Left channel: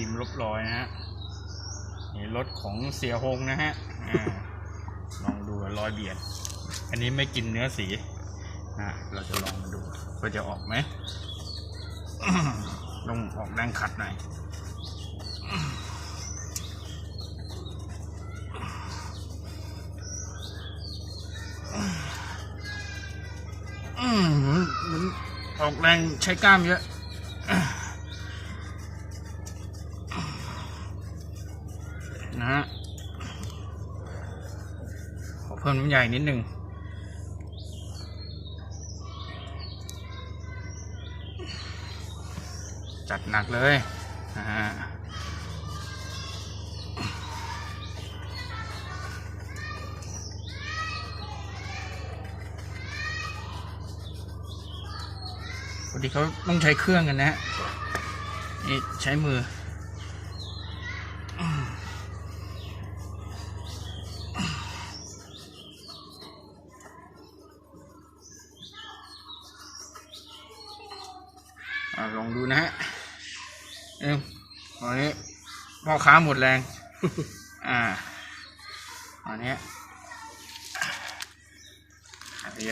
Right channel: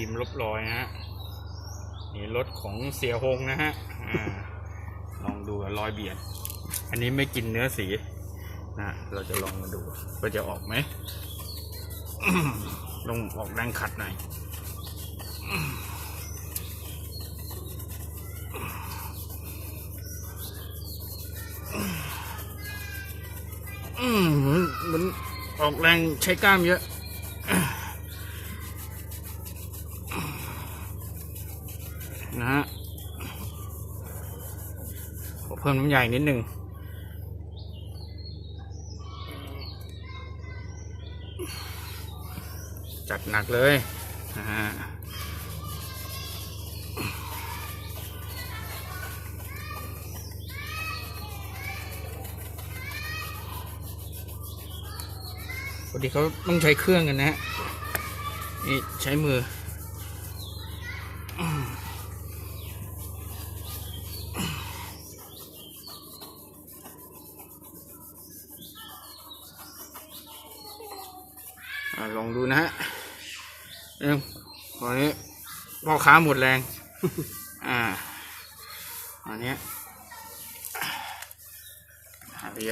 ทีมลบรอยนะฮะนี่รถของเสียหงนะฮะลองดูรอยเบียด อันนี้ไม่กินเนื้อสีนะเราจะลองมาดูว่าจะออกไหมลงออกแรงขัดหน่อยอืมมันออกแรงใช้กล้ามเยอะฮะขอ เพิ่มน้ำใหญ่นิดนึงจัดหนักเลยนะฮะปกติเขาต้องใช้เครื่องกันนะฮะนี่ใช้มือ ลองดูนะฮะเอ็มตอนนี้พ่อค้าหมดแรง อ่าอันเนี้ยอันนี้